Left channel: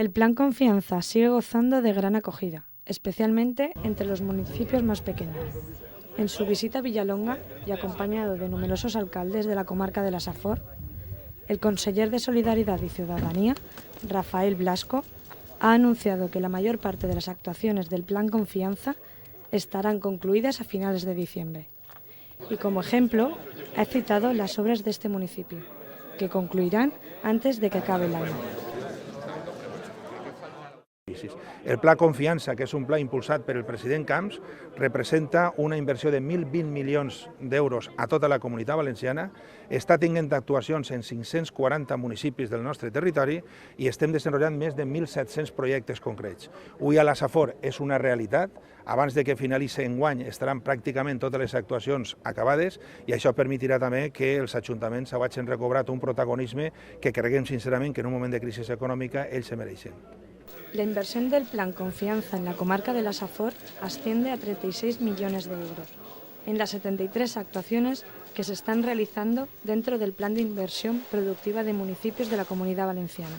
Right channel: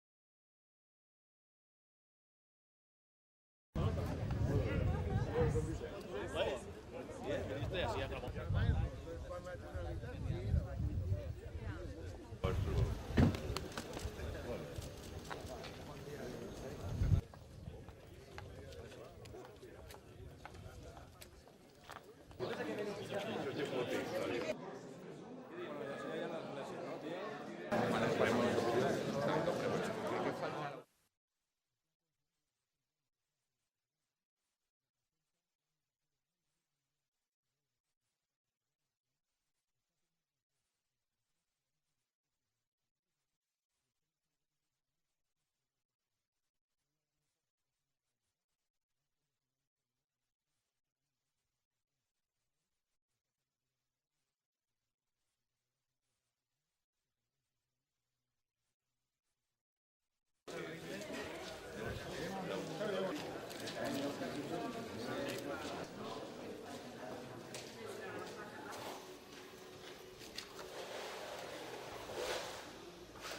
El Plan Confianza sigue gozando de gran acogida, especialmente entre los municipios más pequeños. En su visita a Villalonga y acompañado de numerosos alcaldes de la comarca de la Safor, el conseller de Solidaridad y Ciudadanía, Rafael Blasco, ha anunciado que la mayor parte de las actuaciones del Plan Confianza estarán concluidas a finales de diciembre. Y como ejemplo, ha citado las obras de este municipio, que concluirán antes de que acabe el año. El Pla Confiança, que és un pla impulsat per el president Camps, representa una inversió de 1.020 milions d'euros a tota la Comunitat Valenciana, està tinguent actuacions en 540 municipis del nostre territori i estem desenvolupant més de 1.700 projectes concrets. Avui a la Safor és una realitat, abans de que finalitzi enguany estaran pràcticament totes les actuacions acabades i això permetirà també que els ajuntaments hagin recobrat un protagonisme que creguem sincerament que en un moment de crisi econòmica ells se mereixen. La inversión del Plan Confianza en la comarca de la Safor asciende a 36 millones de euros, en las 73 actuaciones que se están realizando dentro del Plan de Inversión Productiva de Municipios de la Comunidad Valenciana.